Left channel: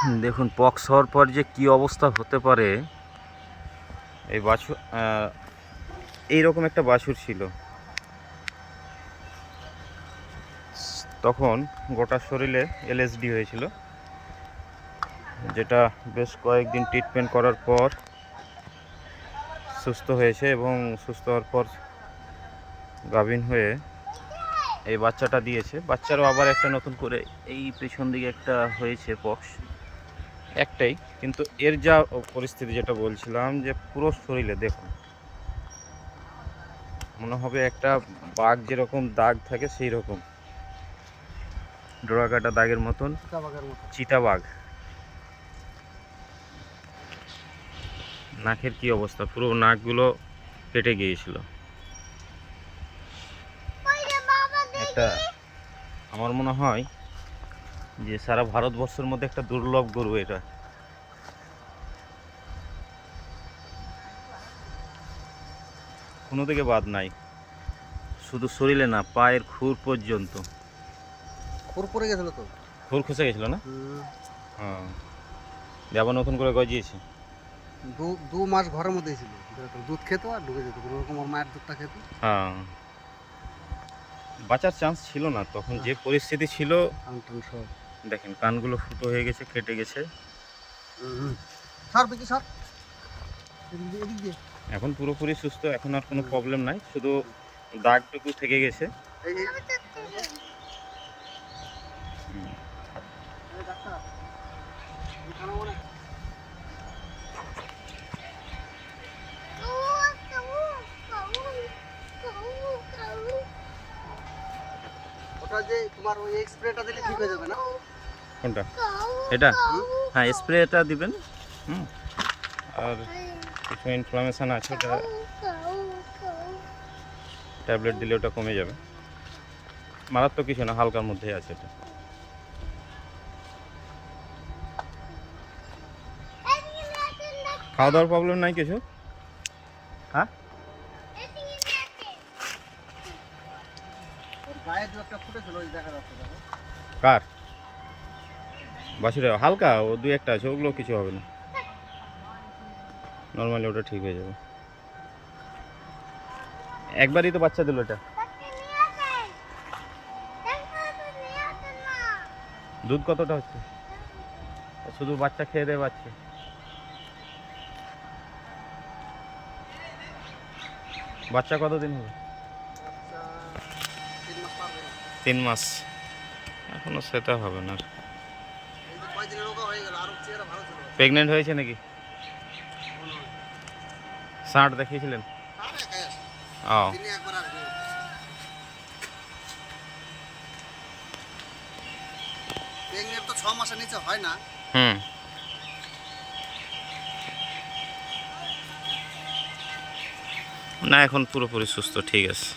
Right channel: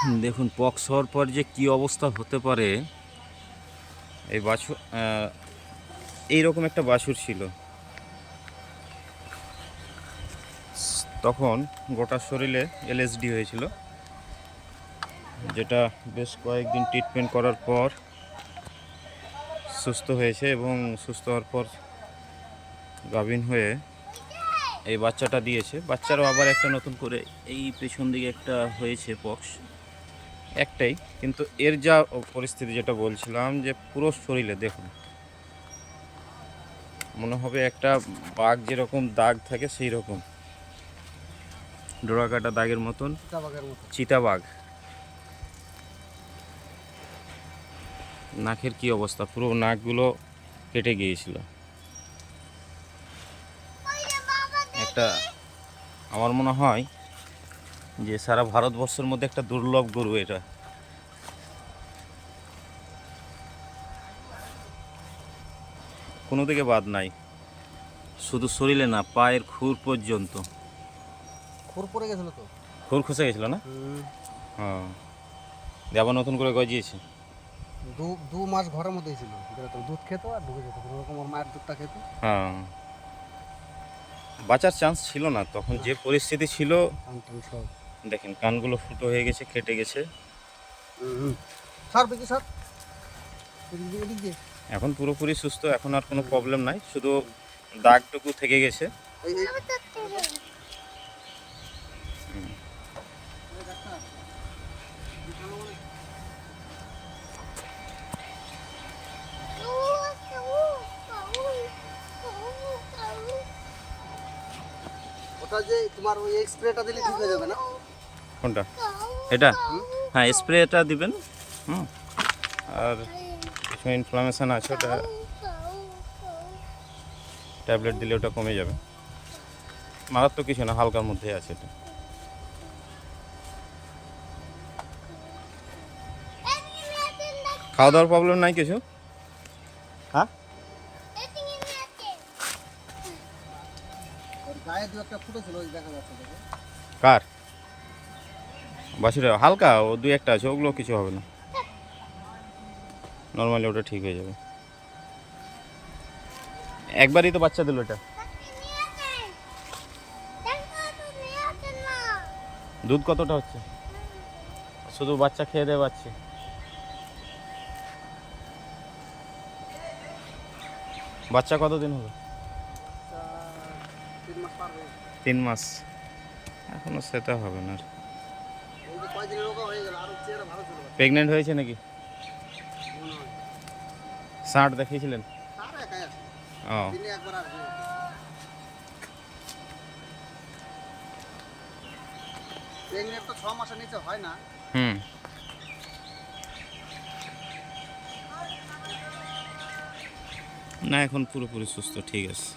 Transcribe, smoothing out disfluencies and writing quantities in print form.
দেখুন পক্স হওয়ার পর যে কি অবস্থা হতে পারে। এই বাছুর এইরকম একটা বাছুর ছিল, তখন গোটা শরীরে এলএসডি হয়েছিল, যেটা বেশ কয়েকদিন ট্রিটমেন্ট করার পর সুস্থ হয়েছে এবং সুস্থ হওয়ার পর গাভীন হয়ে এই বাচ্চাটা দিয়েছে। বাচ্চারও আবার একটা নতুন করে এই পেছন দিকে একটা হয়েছে পক্স, একটাই, কিন্তু এর যা পরিস্থিতি যেটা বলছিলাম যে পুরো শরীরে দেখুন, মনে হবে একটা বাঘ যেরকম দাগ থাকে সেই রকম ডোরা কাটা দাগের মতন, চিতাবাঘ। নাকের কি অবস্থা, পুরো নাকগুলো কেটে গিয়েছিল। একটা আমার মনে হয় যে সারা ভারতবর্ষের মধ্যে একটা দুর্লভ গরু এটা। কোনো দিকে বাদ নাই, শুধু শরীরে না, পায়ের খুর পর্যন্ত খুর পড়ে গেছিল তো, খুর খসে গেছিল না? হ্যাঁ, আবার নতুন করে গজিয়েছে। দু মাস ঘরের মধ্যেই ছিল, দুধ খেতো আর ঢুকে যেত, কোনো রকম ওর মায়ের দুধটা খেত। হ্যাঁ, বাঁচার চান্স ছিল না তখন, যে পরিস্থিতি ছিল। দেখেন কানগুলো ফুটো হয়ে গেছে, কেটে গেছে। সর দেখি সর, এদিক দিয়ে। এখন পুরোপুরি সুস্থ, এখন আর কোনো প্রবলেম নাই, শুধু দাগটুকু থেকে গেছে। ওটা যে তোমার ওই স্প্রেটা দিলে ঠিক হয়ে যাবে না? কোনটা? এটা? হ্যাঁ, স্প্রেটা দিবেন। হুম, আর কিছু ইনফ্লামেশন আছে, ওটা ট্যাবলেট দিলে ওটা কমে যাবে। মারাত্মক কিছু না, হালকার মধ্যে আছে এটা। খাওয়া দাওয়ার প্রবলেম নাই কিছু? হ্যাঁ, গায়ে দু একটা ফুটেছিল, ওই দেখা যাচ্ছে। দেখো কার বাছুরে হালকা ও দুই একটা আছে, ওগুলো কিছু হবে না, নর্মালি ওটা ঠিক হয়ে যাবে। একবারই তো বাচ্চা দিল এটা। দুধ কতটা হচ্ছে? শুধু বাচ্চা খেয়ে দেয় বাচ্চা। বাচ্চা কতদিন হলো? 3 মাস। এখনো সেটা হবে না। প্রেগনেন্ট হয়েছে নাকি? ষাঁড় দেখিয়েছিলেন? ও, তো 6 মাসের নিচে হয় না। হুম, না এখন পুরোপুরি সুস্থ, ঠিক আছে।